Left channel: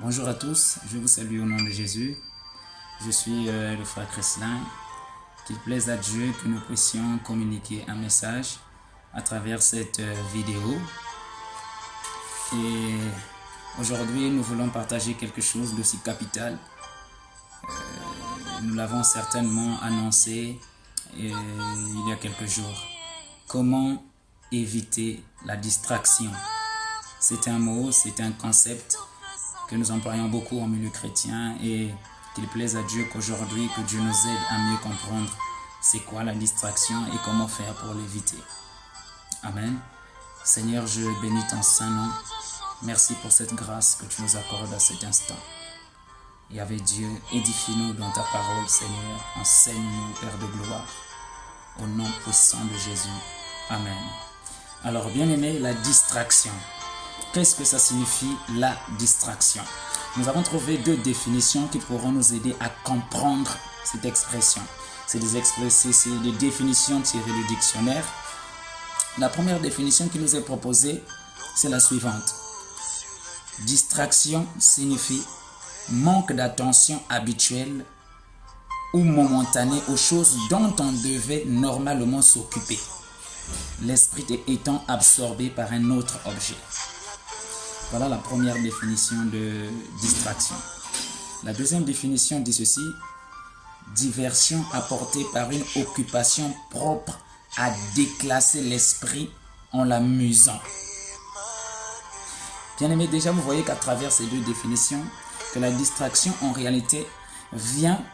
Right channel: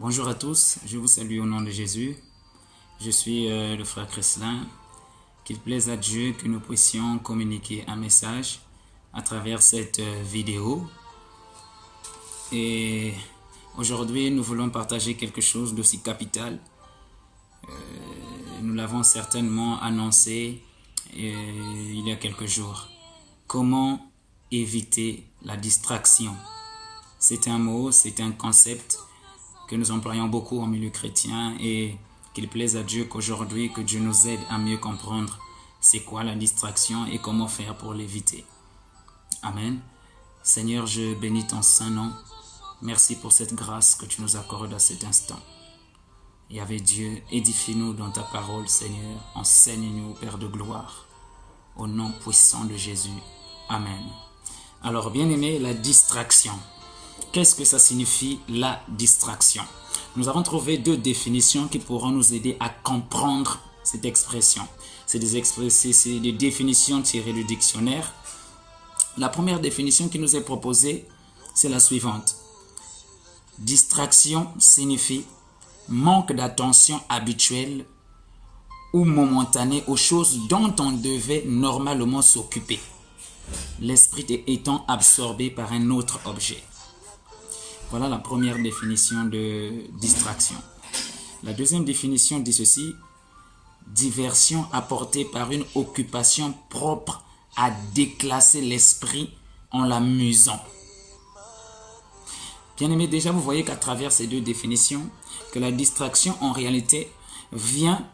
Bonjour à tous, je vous salue au nom de Jésus. Je suis le frère Creslin. Qu'il plaise à Dieu que nous puissions communiquer un message à travers cette vidéo. Et aujourd'hui, nous voulons partager quelque chose d'aussi capital. Nous l'avons certainement annoncé il y a quelques jours. Comment éviter la distraction? C'est un mot, c'est un concept que nous employons beaucoup en milieu chrétien et qu'il plaise à Dieu qu'aujourd'hui, que Dieu nous aide à mieux comprendre c'est quoi la distraction et comment faire pour l'éviter. Amen. Seigneur, je bénis ton saint nom. Merci pour cette grâce que tu nous accordes à cet instant. Et avec Dieu, édifie-nous dans ta parole, Seigneur. Enseigne-nous, Père de gloire. Au nom puissant de Jésus. Amen. Alors, bien-aimé, la distraction. Qu'est-ce que ça signifie, la distraction? Nous avons trouvé deux définitions qui pourront nous aider à comprendre cette expression. C'est des définitions tirées du dictionnaire. La première définition qui nous est proposée, c'est la suivante. Distraction signifie manque d'attention habituelle ou momentanée aux choses dont on devait normalement s'occuper, l'esprit étant absorbé par un autre objet. Voilà la première définition de distraction. La deuxième définition dit ceci: diversion apportée par une occupation propre à déclasser l'esprit en l'amusant. Bien-aimés, déjà vous voyez qu'à travers ces deux définitions, que la distraction en réalité vient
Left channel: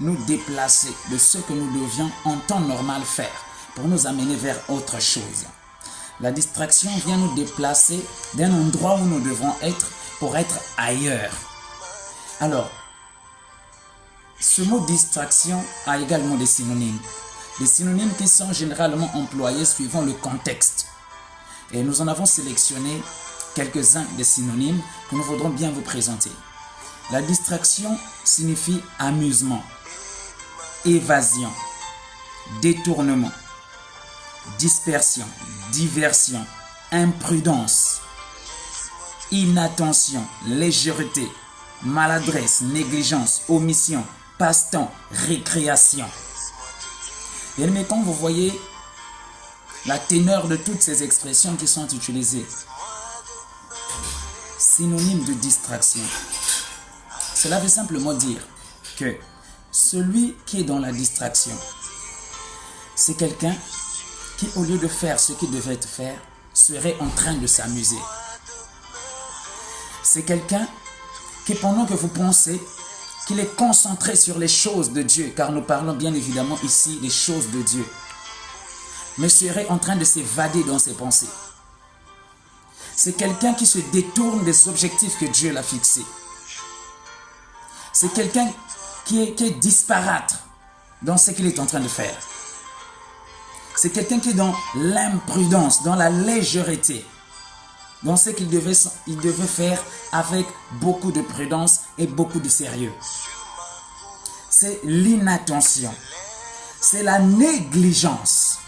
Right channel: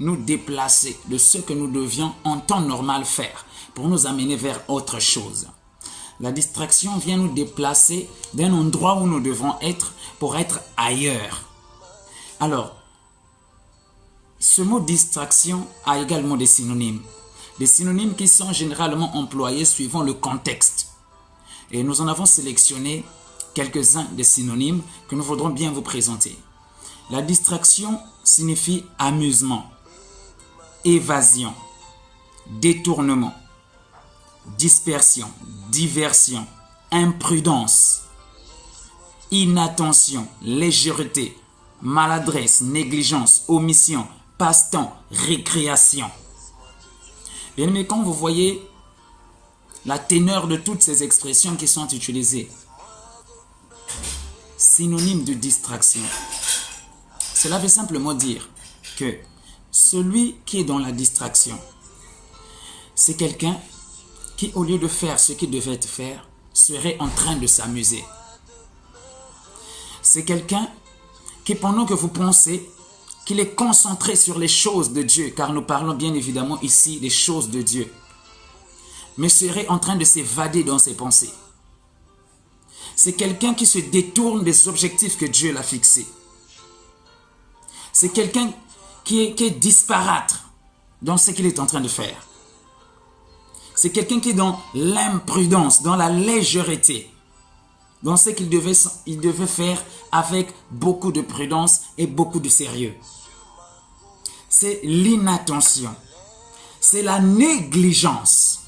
nous déplacer de ce que nous devions en temps normal faire pour nous amener vers autre chose. La distraction vient nous déplacer d'un endroit où nous devons être pour être ailleurs. Alors, ce mot distraction a également des synonymes. Des synonymes qui sont généralement employés suivant le contexte. Et nous en avons sélectionné quelques-uns des synonymes que nous voudrons bien vous présenter. La distraction signifie amusement, évasion, détournement, dispersion, diversion, imprudence, inattention, légèreté, maladresse, négligence, omission, passe-temps, récréation. Bien aimé, quand vous voyez la teneur de toutes ces expressions qui sont utilisées, synonyme de distraction, cela veut simplement dire que celui qui est dans la distraction, c'est quelqu'un qui, au lieu de faire ce qu'il devait faire, serait en train de s'amuser. C'est quelqu'un qui, pendant que vous pensez qu'il est concentré sur les choses de Dieu, car nous parlons bien évidemment ici des choses de Dieu, mais serait en train de s'évader dans ses pensées. C'est quelqu'un qui se détourne des objectifs que Dieu l'a fixés. C'est quelqu'un qui est disparate dans ce qu'il est en train de faire. C'est quelqu'un qui est dans l'imprudence, dans la légèreté, dans ce qu'il devait faire avec beaucoup de prudence et beaucoup de sérieux. C'est l'inattention, c'est la négligence.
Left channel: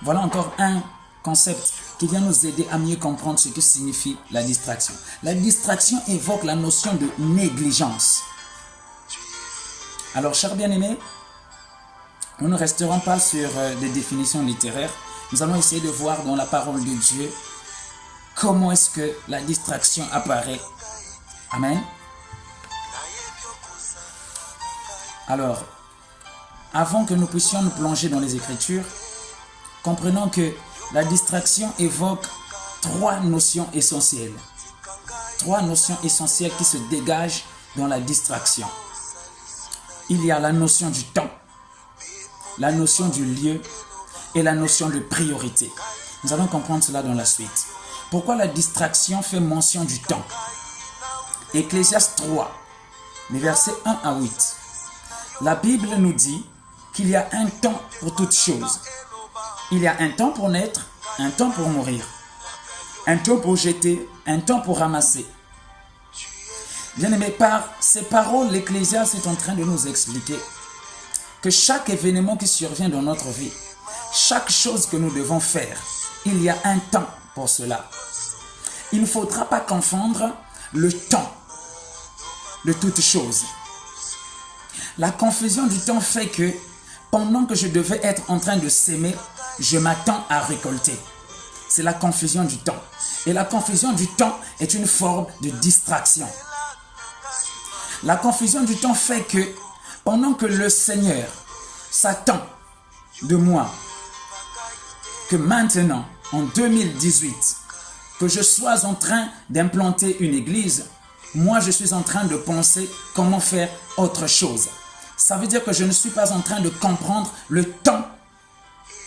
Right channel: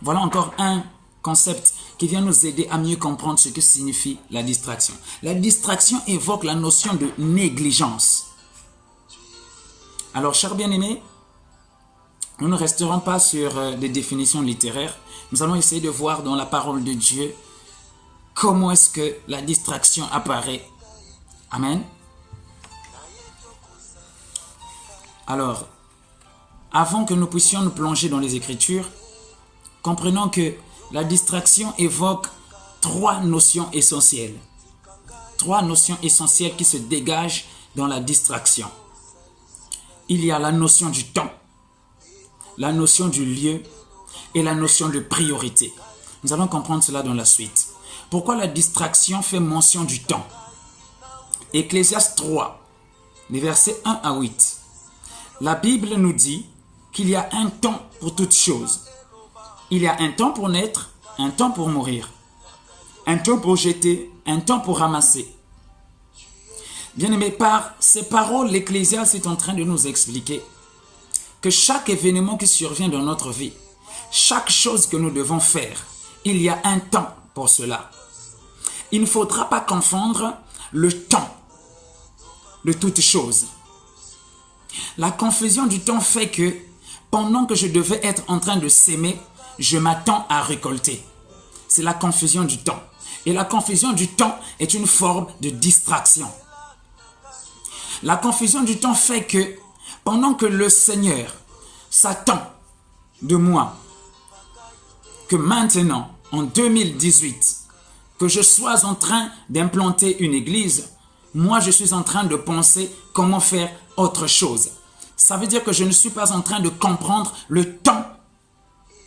Voilà encore un concept qui vient nous aider à mieux comprendre ce que signifie la distraction. La distraction évoque la notion de négligence. Alors, chers bien-aimés, nous ne resterons pas sur des définitions littéraires. Nous allons essayer de voir dans la parole de Dieu comment est-ce que la distraction apparaît. Amen. Alors, avant que nous puissions nous plonger dans les Écritures, comprenons que la distraction évoque trois notions essentielles. Trois notions essentielles qui se dégagent dans la distraction. Il y a la notion du temps, la notion du lieu et la notion de priorité. Nous allons comprendre cela dans la suite. Pourquoi la distraction fait mention du temps? Ecclésiaste 3, les versets 1 à 8. La Bible nous dit qu'il y a un temps pour toutes choses. Il y a un temps pour naître, un temps pour mourir, un temps pour jeter, un temps pour ramasser. Bien-aimé, par ces paroles, l'Ecclésiaste est en train de nous expliquer que chaque événement qui survient dans notre vie, chaque chose que nous devons faire, il y a un temps pour cela. Il ne faudra pas confondre le temps de toutes choses. La confusion du temps fait que pendant que je devais être en train de s'aimer, je m'attends à récolter. C'est la confusion du temps. Et la confusion du temps est une forme de distraction. La confusion du temps fait que pendant que le Seigneur s'attend de moi, que maintenant, en 2018, que je sois en train d'implanter une église, moi je suis en train de penser comment faire autre chose. Ça veut dire que je ne suis pas en train de comprendre le temps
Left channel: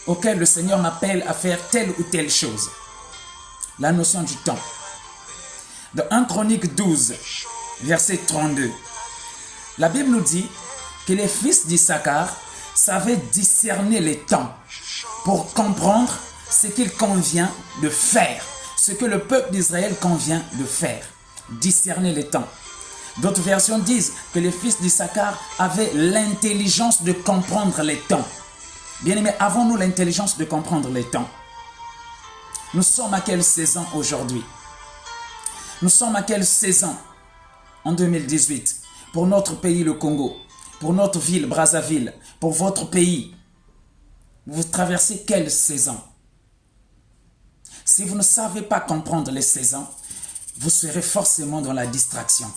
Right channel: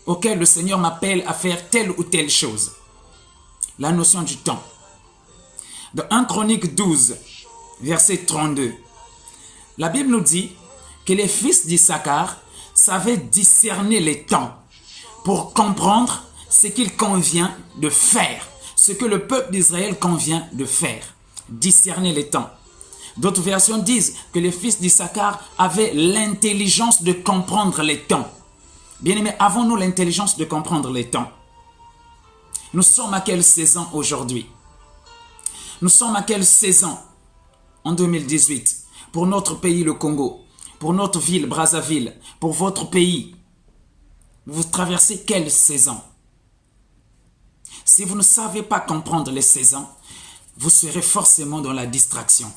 auquel le Seigneur m'appelle à faire telle ou telle chose. La notion du temps. Dans 1 Chronique 12, verset 32, la Bible nous dit que les fils d'Issachar savaient discerner les temps pour comprendre ce qu'il convient de faire, ce que le peuple d'Israël convient de faire. Discerner les temps. D'autres versions disent que les fils d'Issachar avaient l'intelligence de comprendre les temps. Bien-aimés, avons-nous l'intelligence de comprendre les temps? Nous sommes à quelle saison aujourd'hui? Nous sommes à quelle saison en 2018 pour notre pays, le Congo, pour notre ville, Brazzaville, pour votre pays? Vous traversez quelle saison? Si vous ne savez pas comprendre les saisons, vous serez forcément dans la distraction.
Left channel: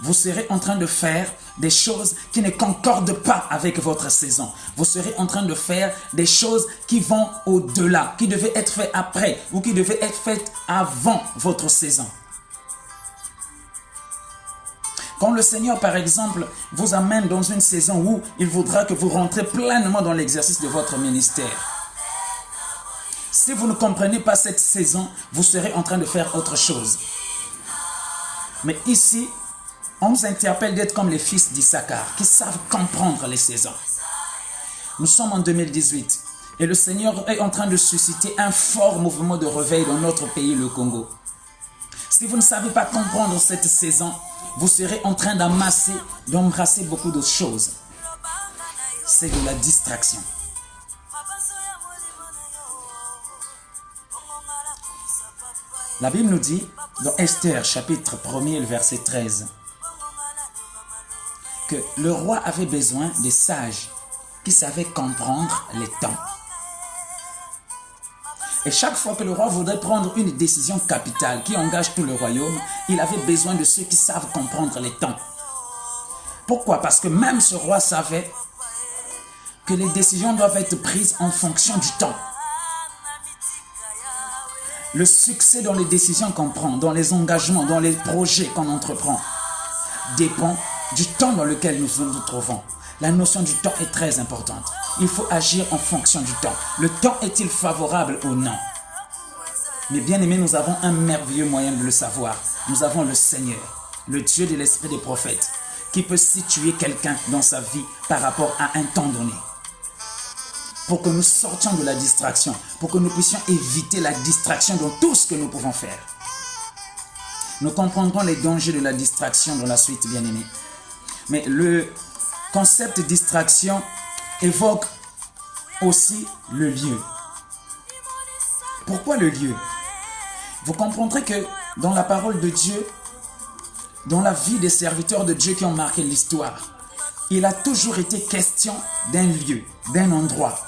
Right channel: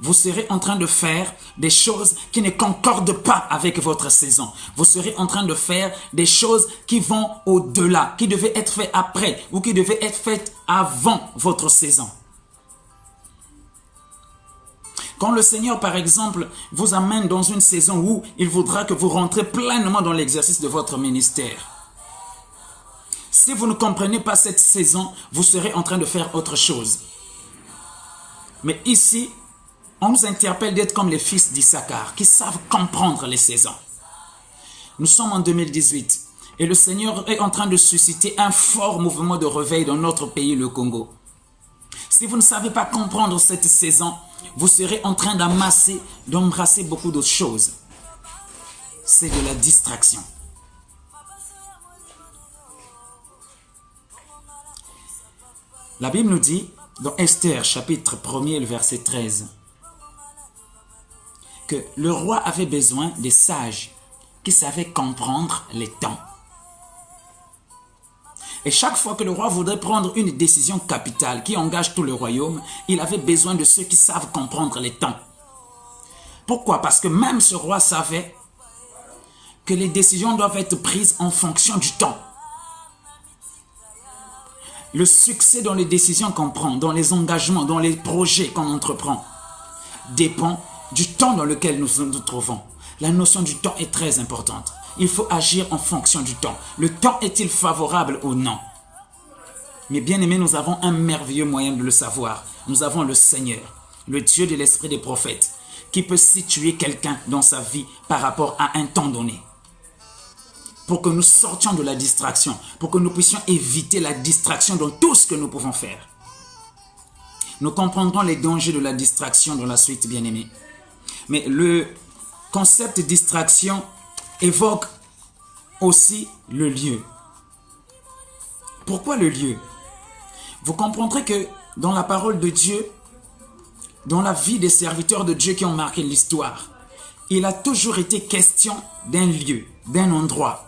Vous serez en train de faire des choses qui ne concordent pas avec votre saison. Vous serez en train de faire des choses qui vont au-delà, qui devaient être faites après ou qui devaient être faites avant votre saison. Quand le Seigneur, par exemple, vous amène dans une saison où il voudra que vous rentrez pleinement dans l'exercice de votre ministère. Si vous ne comprenez pas cette saison, vous serez en train de faire autre chose. Mais ici, on nous interpelle d'être comme les fils d'Issachar, qui savent comprendre les saisons. Nous sommes en 2018 et le Seigneur est en train de susciter un fort mouvement de réveil dans notre pays, le Congo. Si vous ne savez pas comprendre cette saison, vous serez en train d'embrasser beaucoup d'autres choses. C'est de la distraction. La Bible nous dit, dans Esther, chapitre 1er, le verset 13, que le roi avait besoin des sages qui savaient comprendre les temps. Et chaque fois que le roi voudrait prendre une décision capitale qui engage tout le royaume, il avait besoin de ceux qui savent comprendre les temps. Pourquoi? Parce que même ce roi savait que les décisions doivent être prises en fonction du temps. Le succès dans les décisions qu'on prend, dans les engagements, dans les projets qu'on entreprend, dépend du temps dans lequel nous nous trouvons. La notion du temps est très importante. Il faut agir en fonction du temps. Le temps est-il favorable ou non? Mais bien aimés, nous avons un merveilleux moyen de le savoir. Nous avons le Seigneur, le Dieu de l'esprit des prophètes, qui peut situer quelqu'un dans sa vie par rapport à un temps donné. Pour que nous sortions de la distraction, pour que nous puissions éviter la distraction dans tout ce que nous pouvons faire. Nous comprendrons les dangers de la distraction dans la suite, bien aimés. Mais le concept de distraction évoque aussi le lieu. Pourquoi le lieu? Vous comprendrez que dans la parole de Dieu, dans la vie des serviteurs de Dieu qui ont marqué l'histoire, il a toujours été question d'un lieu, d'un endroit,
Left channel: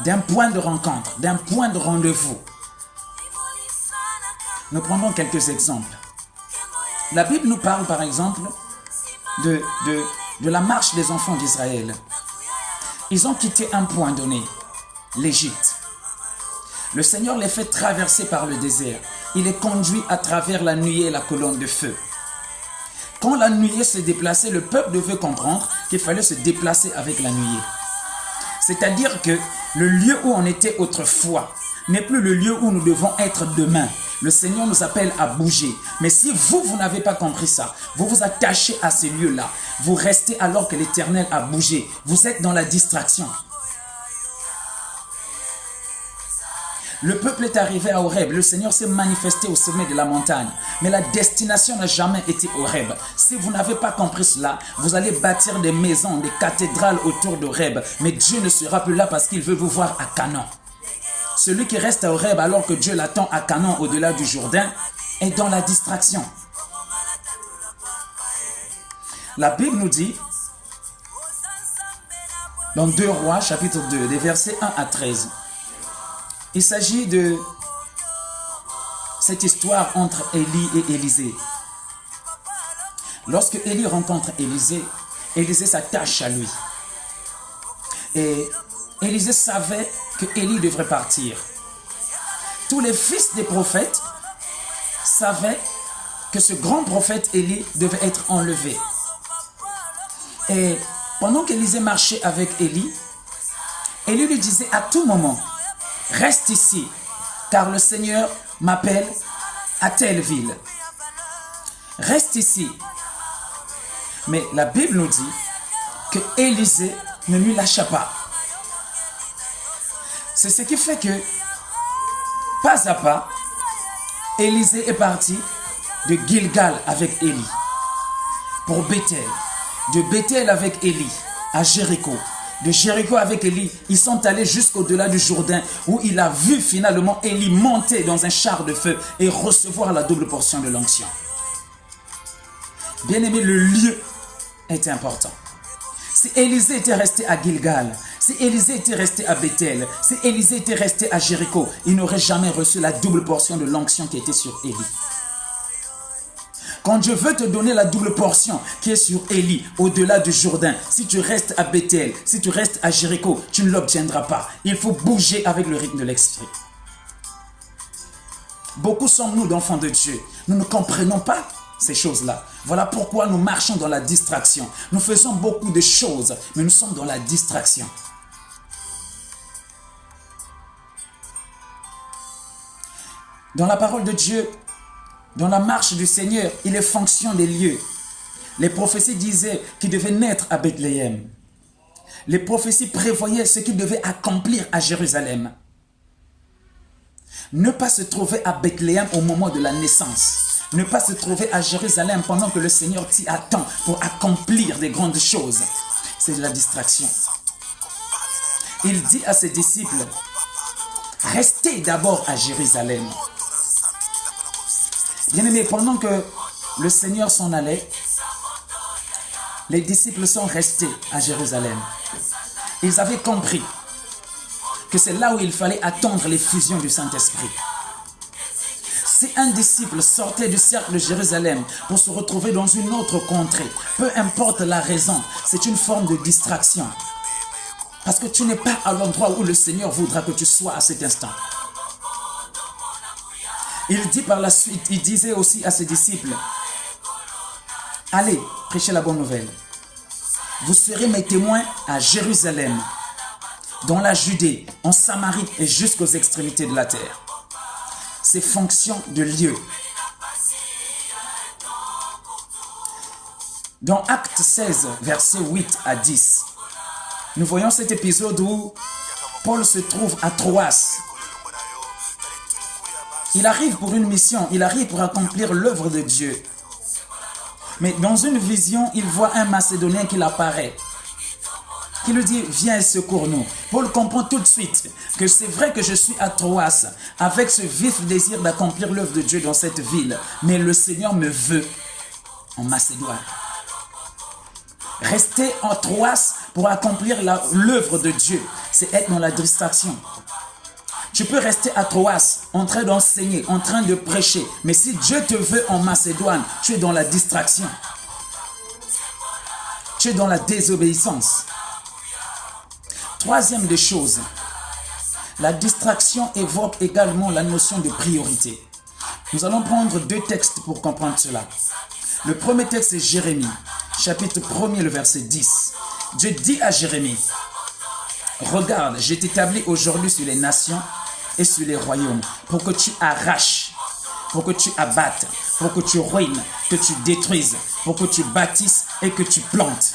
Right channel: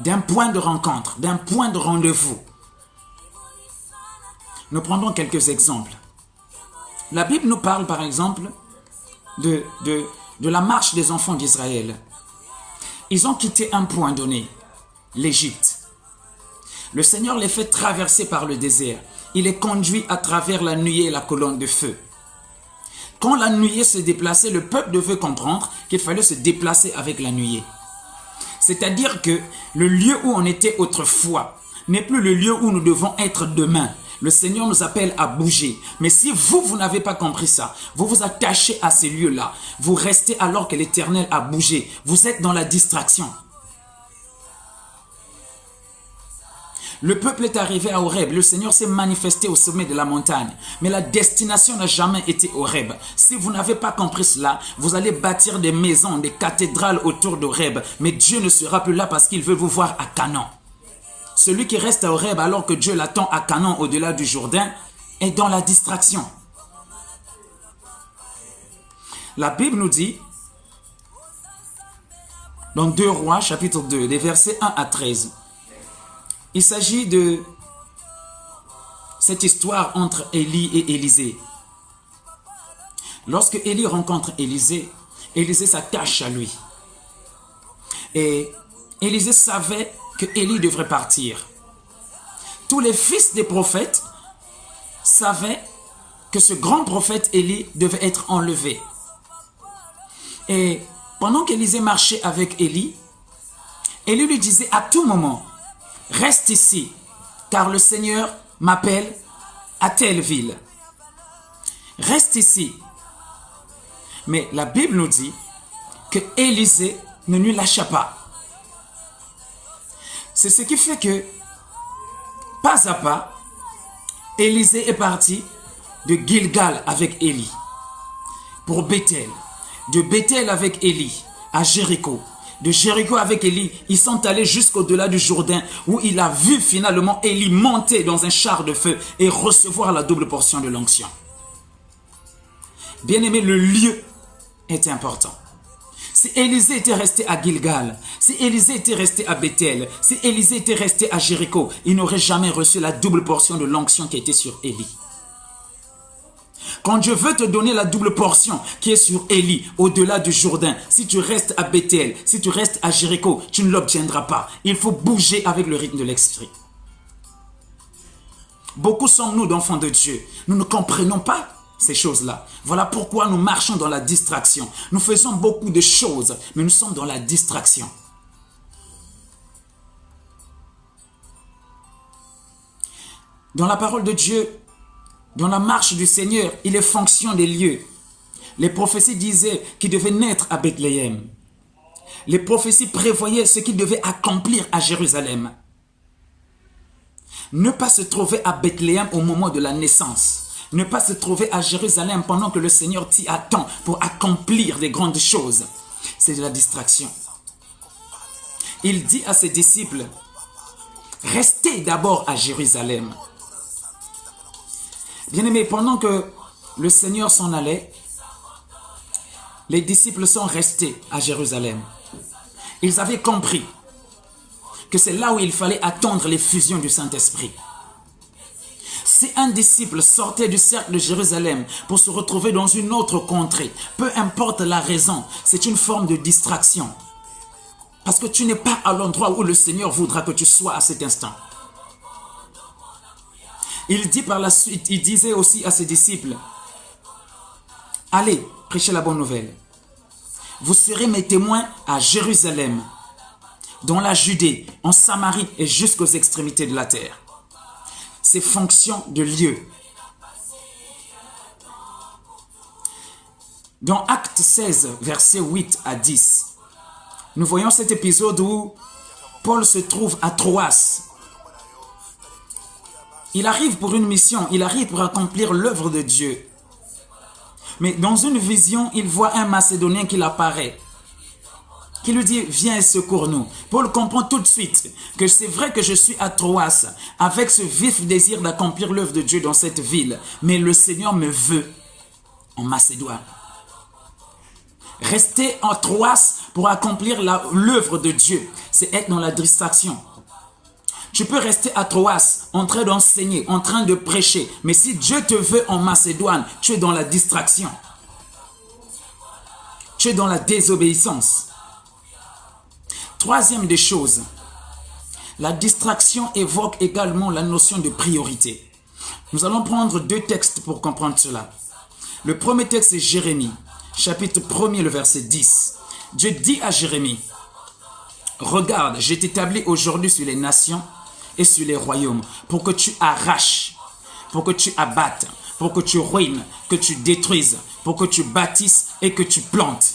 d'un point de rencontre, d'un point de rendez-vous. Nous prendrons quelques exemples. La Bible nous parle par exemple de la marche des enfants d'Israël. Ils ont quitté un point donné, l'Égypte. Le Seigneur les fait traverser par le désert. Il les conduit à travers la nuée et la colonne de feu. Quand la nuée se déplaçait, le peuple devait comprendre qu'il fallait se déplacer avec la nuée. C'est-à-dire que le lieu où on était autrefois n'est plus le lieu où nous devons être demain. Le Seigneur nous appelle à bouger. Mais si vous n'avez pas compris ça, vous vous attachez à ces lieux-là. Vous restez alors que l'Éternel a bougé. Vous êtes dans la distraction. Le peuple est arrivé à Horeb. Le Seigneur s'est manifesté au sommet de la montagne. Mais la destination n'a jamais été Horeb. Si vous n'avez pas compris cela, vous allez bâtir des maisons, des cathédrales autour d'Horeb. Mais Dieu ne sera plus là parce qu'il veut vous voir à Canaan. Celui qui reste à Horeb alors que Dieu l'attend à Canaan au-delà du Jourdain est dans la distraction. La Bible nous dit, dans 2 Rois, chapitre 2, des versets 1 à 13, il s'agit de cette histoire entre Élie et Élisée. Lorsque Élie rencontre Élisée, Élisée s'attache à lui. Et Élisée savait que Élie devrait partir. Tous les fils des prophètes savaient que ce grand prophète Élie devait être enlevé. Et pendant qu'Élisée marchait avec Élie, Élie lui disait à tout moment, « Reste ici, car le Seigneur m'appelle à telle ville. Reste ici. » Mais la Bible nous dit que Élisée ne lui lâcha pas. C'est ce qui fait que, pas à pas, Élisée est parti de Gilgal avec Élie pour Bethel. De Bethel avec Élie à Jéricho. De Jéricho avec Élie, ils sont allés jusqu'au-delà du Jourdain où il a vu finalement Élie monter dans un char de feu et recevoir la double portion de l'onction. Bien-aimé, le lieu est important. Si Élisée était resté à Gilgal, si Élisée était resté à Bethel, si Élisée était resté à Jéricho, il n'aurait jamais reçu la double portion de l'onction qui était sur Élie. Quand Dieu veut te donner la double portion qui est sur Élie, au-delà du Jourdain, si tu restes à Bethel, si tu restes à Jéricho, tu ne l'obtiendras pas. Il faut bouger avec le rythme de l'esprit. Beaucoup sommes-nous d'enfants de Dieu. Nous ne comprenons pas ces choses-là. Voilà pourquoi nous marchons dans la distraction. Nous faisons beaucoup de choses, mais nous sommes dans la distraction. Dans la parole de Dieu, dans la marche du Seigneur, il est fonction des lieux. Les prophéties disaient qu'il devait naître à Bethléem. Les prophéties prévoyaient ce qu'il devait accomplir à Jérusalem. Ne pas se trouver à Bethléem au moment de la naissance. Ne pas se trouver à Jérusalem pendant que le Seigneur t'y attend pour accomplir des grandes choses. C'est de la distraction. Il dit à ses disciples, restez d'abord à Jérusalem. Bien-aimés, pendant que le Seigneur s'en allait, les disciples sont restés à Jérusalem. Ils avaient compris que c'est là où il fallait attendre l'effusion du Saint-Esprit. Si un disciple sortait du cercle de Jérusalem pour se retrouver dans une autre contrée, peu importe la raison, c'est une forme de distraction. Parce que tu n'es pas à l'endroit où le Seigneur voudra que tu sois à cet instant. Il dit par la suite, il disait aussi à ses disciples, allez, prêchez la bonne nouvelle. Vous serez mes témoins à Jérusalem, dans la Judée, en Samarie et jusqu'aux extrémités de la terre. C'est fonction de lieu. Dans Acte 16, versets 8 à 10, nous voyons cet épisode où Paul se trouve à Troas. Il arrive pour une mission, il arrive pour accomplir l'œuvre de Dieu. Mais dans une vision, il voit un Macédonien qui apparaît, qui lui dit, viens et secours-nous. Paul comprend tout de suite que c'est vrai que je suis à Troas, avec ce vif désir d'accomplir l'œuvre de Dieu dans cette ville, mais le Seigneur me veut en Macédoine. Rester en Troas pour accomplir l'œuvre de Dieu, c'est être dans la distraction. Tu peux rester à Troas, en train d'enseigner, en train de prêcher, mais si Dieu te veut en Macédoine, tu es dans la distraction. Tu es dans la désobéissance. Troisième des choses, la distraction évoque également la notion de priorité. Nous allons prendre 2 textes pour comprendre cela. Le premier texte est Jérémie, chapitre 1er, le verset 10. Dieu dit à Jérémie, « Regarde, je t'établis aujourd'hui sur les nations et sur les royaumes, pour que tu arraches, pour que tu abattes, pour que tu ruines, que tu détruises, pour que tu bâtisses et que tu plantes. »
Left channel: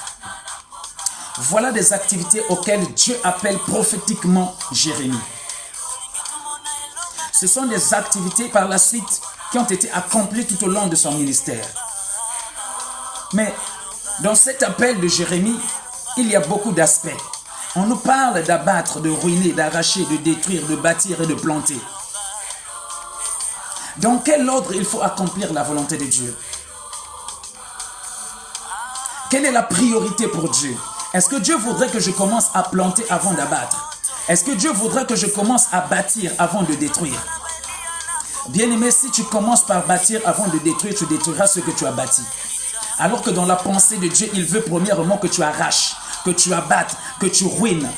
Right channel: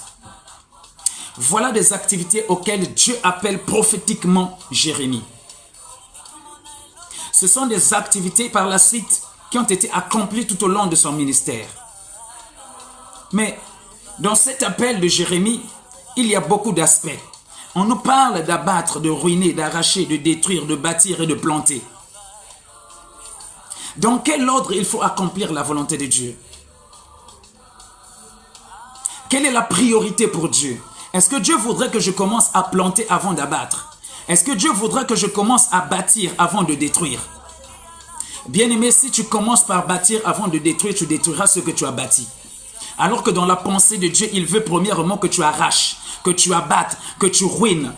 Voilà des activités auxquelles Dieu appelle prophétiquement Jérémie. Ce sont des activités par la suite qui ont été accomplies tout au long de son ministère. Mais dans cet appel de Jérémie, il y a beaucoup d'aspects. On nous parle d'abattre, de ruiner, d'arracher, de détruire, de bâtir et de planter. Dans quel ordre il faut accomplir la volonté de Dieu? Quelle est la priorité pour Dieu? Est-ce que Dieu voudrait que je commence à planter avant d'abattre? Est-ce que Dieu voudrait que je commence à bâtir avant de détruire? Bien-aimé, si tu commences par bâtir avant de détruire, tu détruiras ce que tu as bâti. Alors que dans la pensée de Dieu, il veut premièrement que tu arraches, que tu abattes, que tu ruines,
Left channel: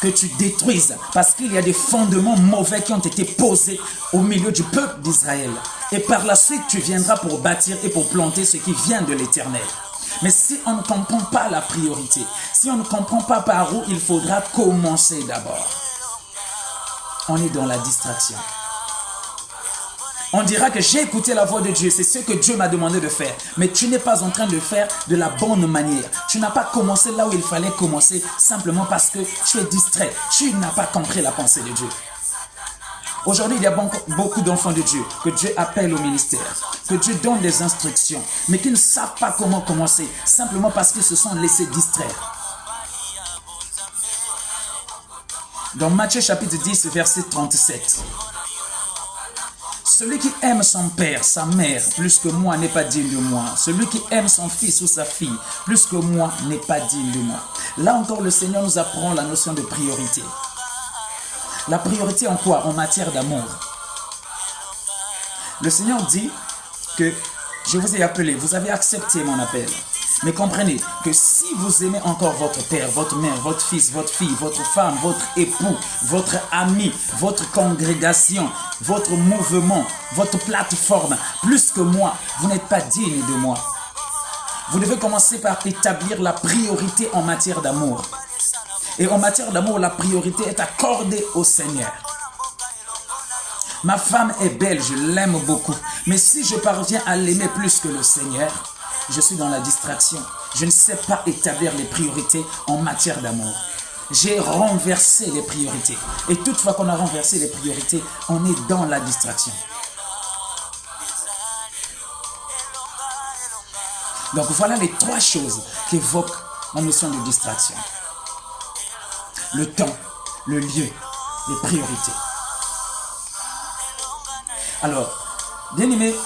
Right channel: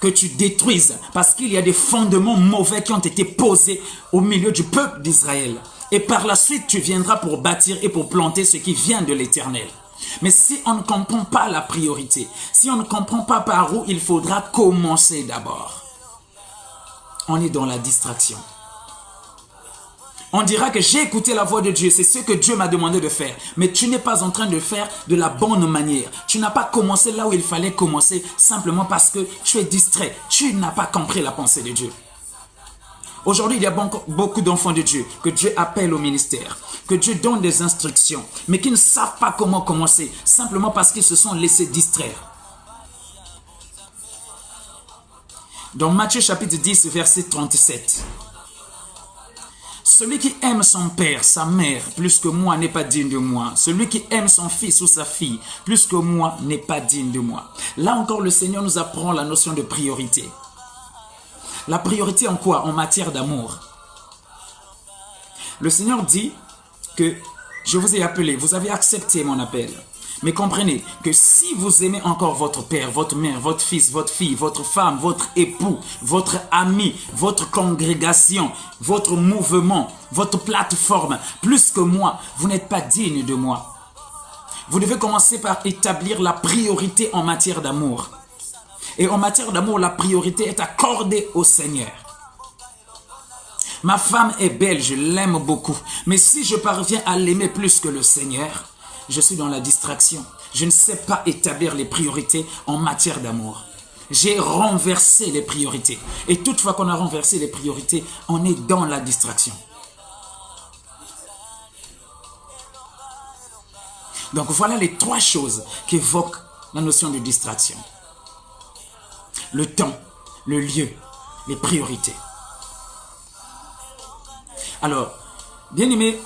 que tu détruises. Parce qu'il y a des fondements mauvais qui ont été posés au milieu du peuple d'Israël. Et par la suite, tu viendras pour bâtir et pour planter ce qui vient de l'Éternel. Mais si on ne comprend pas la priorité, si on ne comprend pas par où il faudra commencer d'abord, on est dans la distraction. On dira que j'ai écouté la voix de Dieu, c'est ce que Dieu m'a demandé de faire. Mais tu n'es pas en train de faire de la bonne manière. Tu n'as pas commencé là où il fallait commencer simplement parce que tu es distrait. Tu n'as pas compris la pensée de Dieu. Aujourd'hui, il y a beaucoup d'enfants de Dieu que Dieu appelle au ministère, que Dieu donne des instructions, mais qui ne savent pas comment commencer, simplement parce qu'ils se sont laissés distraire. Dans Matthieu chapitre 10, verset 37. Celui qui aime son père, sa mère, plus que moi, n'est pas digne de moi. Celui qui aime son fils ou sa fille, plus que moi, n'est pas digne de moi. Là encore, le Seigneur nous apprend la notion de priorité. La priorité en quoi? En matière d'amour. Le Seigneur dit que je vous ai appelé, vous avez accepté mon appel. Mais comprenez que si vous aimez encore votre père, votre mère, votre fils, votre fille, votre femme, votre époux, votre ami, votre congrégation, votre mouvement, votre plateforme, plus que moi, vous n'êtes pas digne de moi. Vous devez commencer par établir la priorité en matière d'amour. Et en matière d'amour, la priorité est accordée au Seigneur. Ma femme est belle, je l'aime beaucoup. Mais si je parviens à l'aimer plus que le Seigneur, je suis dans la distraction. Je ne sais pas établir les priorités en matière d'amour. J'ai renversé les priorités. Et toutefois qu'on a renversé les priorités, on est dans la distraction. Donc voilà les trois choses qui évoquent la notion de distraction. Le temps, le lieu, les priorités. Alors, bien aimé,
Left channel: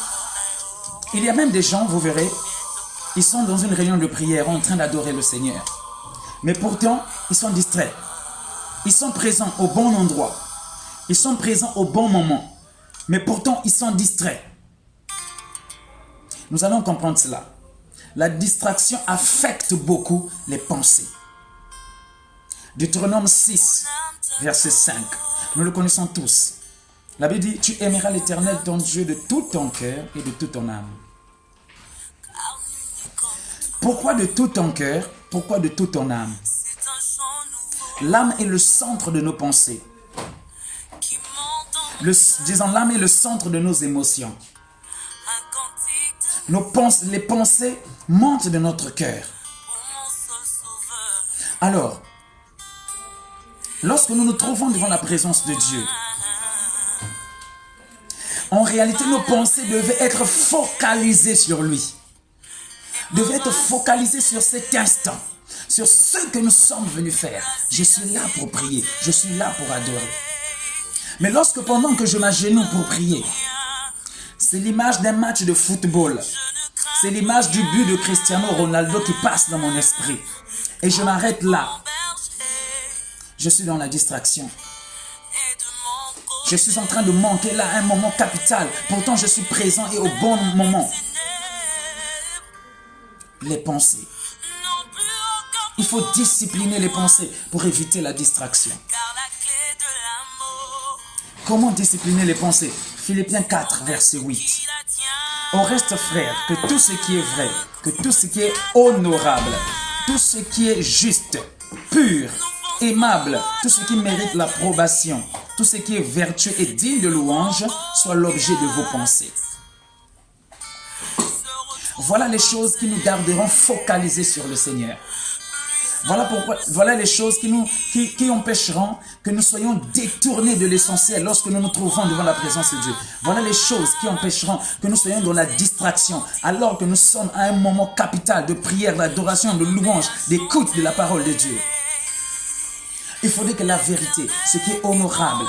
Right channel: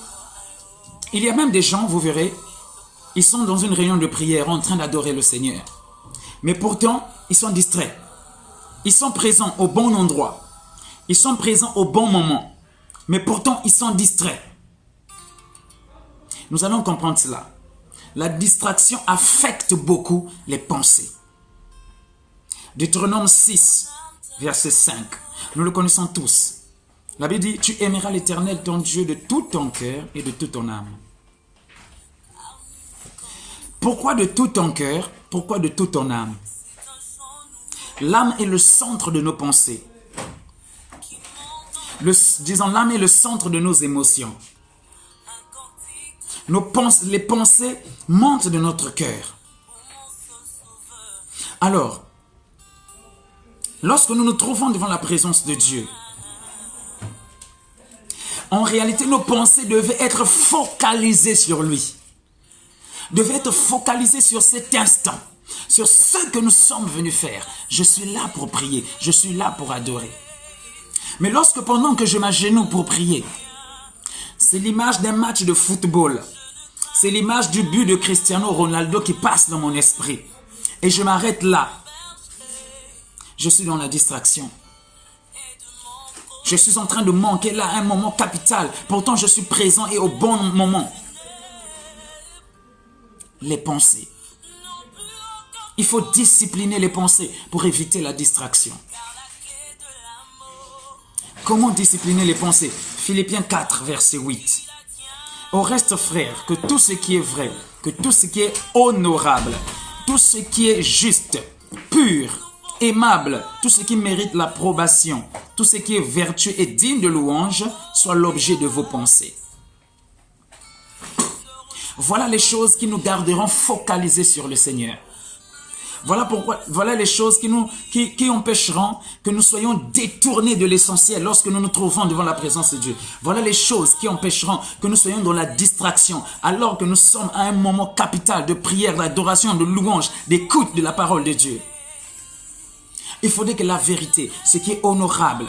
il y a même des gens, vous verrez, ils sont dans une réunion de prière en train d'adorer le Seigneur. Mais pourtant, ils sont distraits. Ils sont présents au bon endroit. Ils sont présents au bon moment. Mais pourtant, ils sont distraits. Nous allons comprendre cela. La distraction affecte beaucoup les pensées. Deutéronome 6, verset 5. Nous le connaissons tous. La Bible dit, tu aimeras l'Éternel ton Dieu de tout ton cœur et de toute ton âme. Pourquoi de tout ton cœur? Pourquoi de toute ton âme? L'âme est le centre de nos pensées. Disons, l'âme est le centre de nos émotions. Les pensées montent de notre cœur. Alors, lorsque nous nous trouvons devant la présence de Dieu, en réalité, nos pensées devaient être focalisées sur lui. Devaient être focalisées sur cet instant, sur ce que nous sommes venus faire. Je suis là pour prier, je suis là pour adorer. Mais lorsque pendant que je m'agenouille pour prier, c'est l'image d'un match de football. C'est l'image du but de Cristiano Ronaldo qui passe dans mon esprit. Et je m'arrête là. Je suis dans la distraction. Je suis en train de manquer là un moment capital. Pourtant, je suis présent et au bon moment. Les pensées. Il faut discipliner les pensées pour éviter la distraction. Comment discipliner les pensées? Philippiens 4, verset 8. Au reste, frères, que tout ce qui est vrai, que tout ce qui est honorable, tout ce qui est juste, pur, aimable, tout ce qui mérite l'approbation, tout ce qui est vertueux et digne de louange, soit l'objet de vos pensées. Voilà les choses qui nous garderont focalisés sur le Seigneur. Voilà les choses qui empêcheront que nous soyons détournés de l'essentiel lorsque nous nous trouvons devant la présence de Dieu. Voilà les choses qui empêcheront que nous soyons dans la distraction alors que nous sommes à un moment capital de prière, d'adoration, de louange, d'écoute de la parole de Dieu. Il faudrait que la vérité, ce qui est honorable,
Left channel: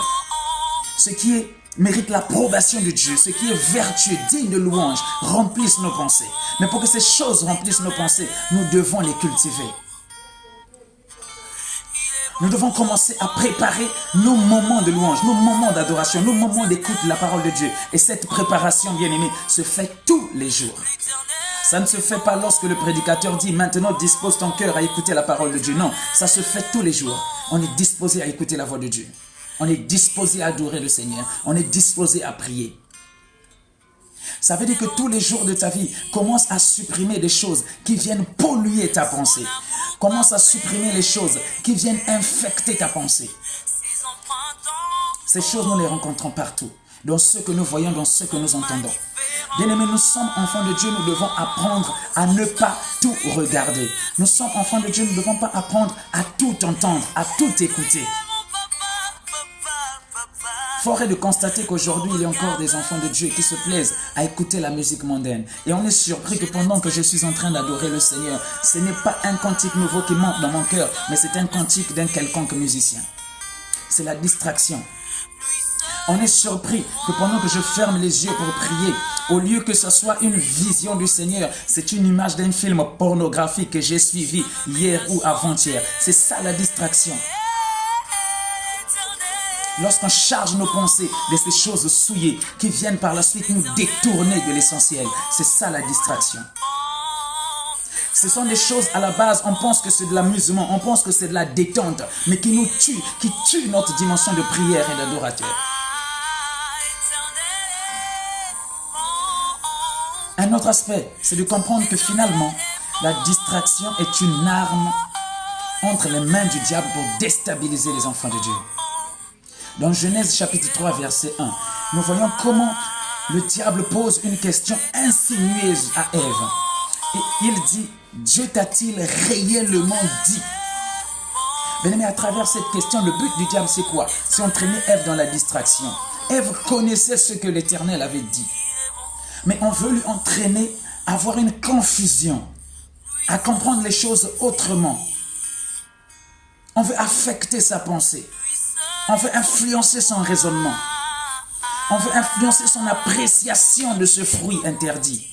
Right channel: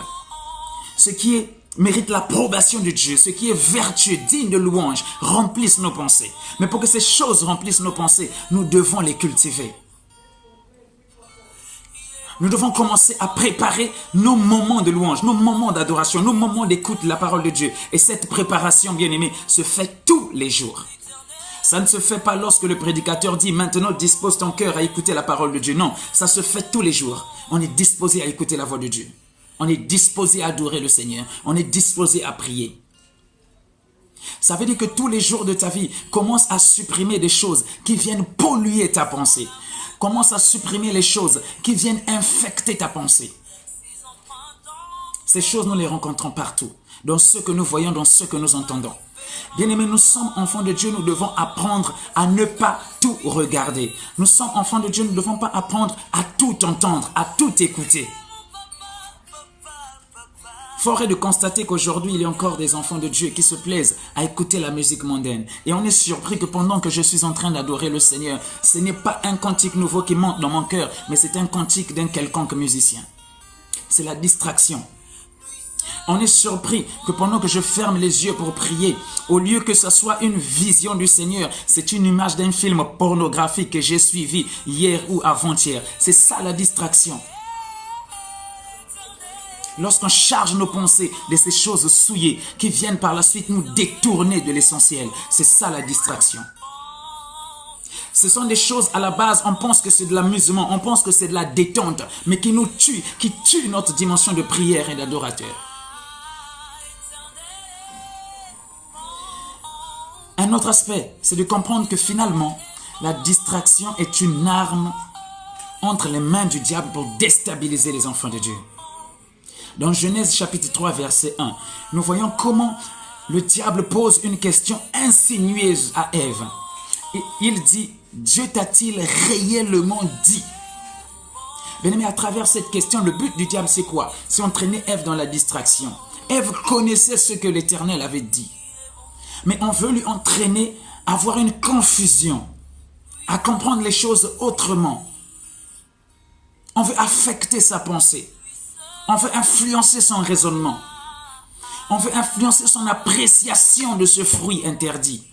ce qui est mérite l'approbation de Dieu, ce qui est vertueux, digne de louange, remplissent nos pensées. Mais pour que ces choses remplissent nos pensées, nous devons les cultiver. Nous devons commencer à préparer nos moments de louange, nos moments d'adoration, nos moments d'écoute de la parole de Dieu. Et cette préparation, bien-aimés, se fait tous les jours. Ça ne se fait pas lorsque le prédicateur dit « Maintenant, dispose ton cœur à écouter la parole de Dieu ». Non, ça se fait tous les jours. On est disposé à écouter la voix de Dieu. On est disposé à adorer le Seigneur. On est disposé à prier. Ça veut dire que tous les jours de ta vie, commence à supprimer des choses qui viennent polluer ta pensée. Commence à supprimer les choses qui viennent infecter ta pensée. Ces choses, nous les rencontrons partout. Dans ce que nous voyons, dans ce que nous entendons. Bien-aimés, nous sommes enfants de Dieu, nous devons apprendre à ne pas tout regarder. Nous sommes enfants de Dieu, nous ne devons pas apprendre à tout entendre, à tout écouter. Fort est de constater qu'aujourd'hui, il y a encore des enfants de Dieu qui se plaisent à écouter la musique mondaine. Et on est surpris que pendant que je suis en train d'adorer le Seigneur, ce n'est pas un cantique nouveau qui monte dans mon cœur, mais c'est un cantique d'un quelconque musicien. C'est la distraction. On est surpris que pendant que je ferme les yeux pour prier, au lieu que ce soit une vision du Seigneur, c'est une image d'un film pornographique que j'ai suivi hier ou avant-hier. C'est ça la distraction. Lorsqu'on charge nos pensées de ces choses souillées qui viennent par la suite nous détourner de l'essentiel, c'est ça la distraction. Ce sont des choses à la base, on pense que c'est de l'amusement, on pense que c'est de la détente, mais qui nous tuent, qui tuent notre dimension de prière et d'adorateur. Un autre aspect, c'est de comprendre que finalement, la distraction est une arme entre les mains du diable pour déstabiliser les enfants de Dieu. Dans Genèse chapitre 3, verset 1, nous voyons comment le diable pose une question insinueuse à Ève. Et il dit, Dieu t'a-t-il réellement dit? Bien-aimé, à travers cette question, le but du diable, c'est quoi? C'est entraîner Ève dans la distraction. Ève connaissait ce que l'Éternel avait dit. Mais on veut lui entraîner à avoir une confusion, à comprendre les choses autrement. On veut affecter sa pensée. On veut influencer son raisonnement. On veut influencer son appréciation de ce fruit interdit.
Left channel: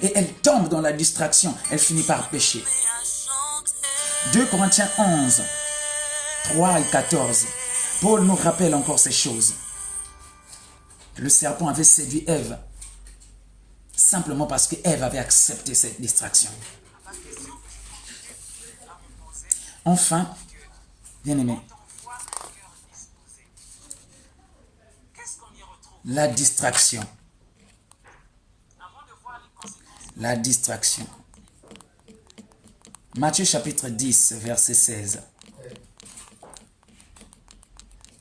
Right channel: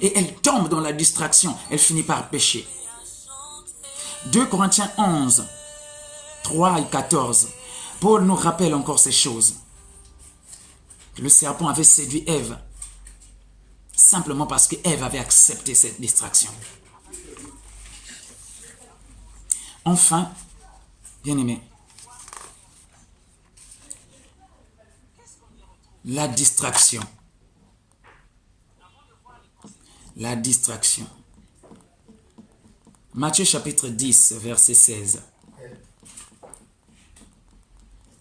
Et elle tombe dans la distraction. Elle finit par pécher. 2 Corinthiens 11, 3 et 14. Paul nous rappelle encore ces choses. Le serpent avait séduit Ève simplement parce que Ève avait accepté cette distraction. Enfin, bien-aimé, la distraction. La distraction. Matthieu chapitre 10, verset 16.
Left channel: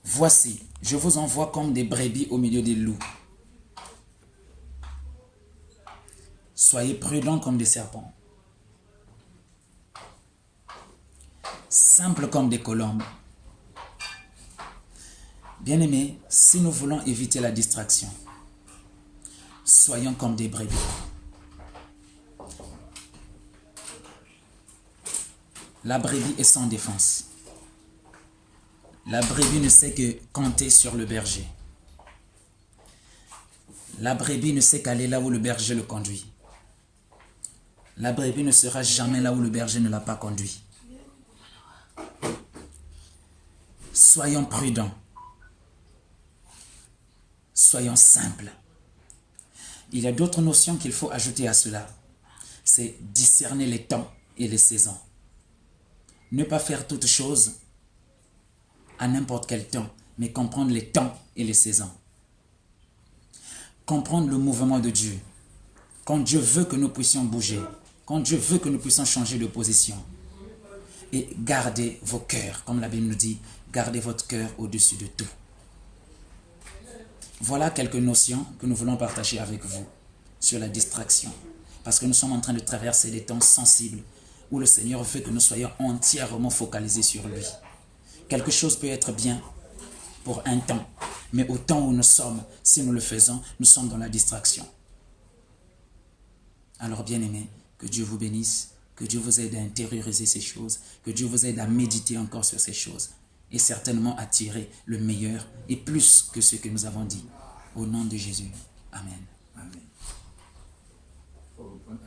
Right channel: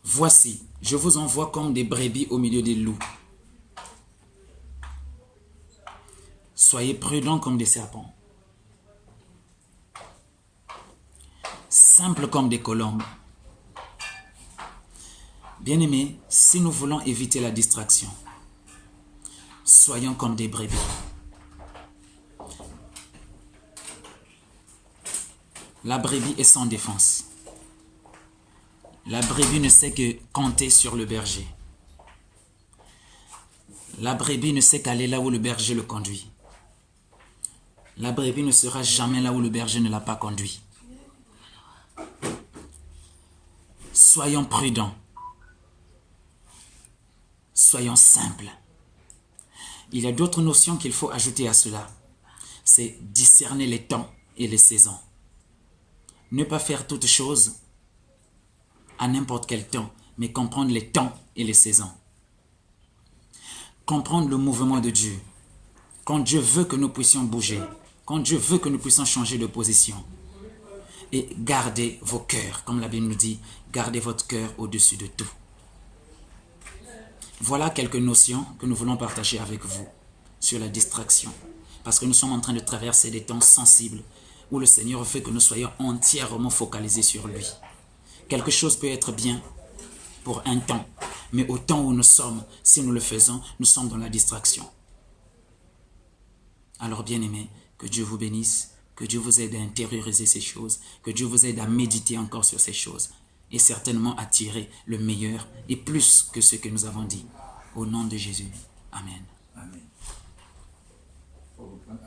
Voici, je vous envoie comme des brebis au milieu des loups. Soyez prudents comme des serpents. Simples comme des colombes. Bien-aimés, si nous voulons éviter la distraction, soyons comme des brebis. La brebis est sans défense. La brebis ne sait que compter sur le berger. La brebis ne sait qu'aller là où le berger le conduit. La brebis ne sera jamais là où le berger ne l'a pas conduit. Soyons prudents. Soyons simples. Il y a d'autres notions qu'il faut ajouter à cela. C'est discerner les temps et les saisons. Ne pas faire toutes choses à n'importe quel temps, mais comprendre les temps et les saisons. Comprendre le mouvement de Dieu. Quand Dieu veut que nous puissions bouger, quand Dieu veut que nous puissions changer de position. Et gardez vos cœurs, comme la Bible nous dit, gardez votre cœur au-dessus de tout. Voilà quelques notions que nous voulons partager avec vous sur la distraction. Parce que nous sommes en train de traverser des temps sensibles où le Seigneur veut que nous soyons entièrement focalisés sur lui. Quelque chose peut être bien pour un temps, mais au temps où nous sommes, si nous le faisons, nous sommes dans la distraction. Alors bien-aimés, que Dieu vous bénisse, que Dieu vous aide à intérioriser ces choses, que Dieu vous aide à méditer encore sur ces choses et certainement attirer le meilleur et plus que ce que nous avons dit. Au nom de Jésus. Amen. Amen.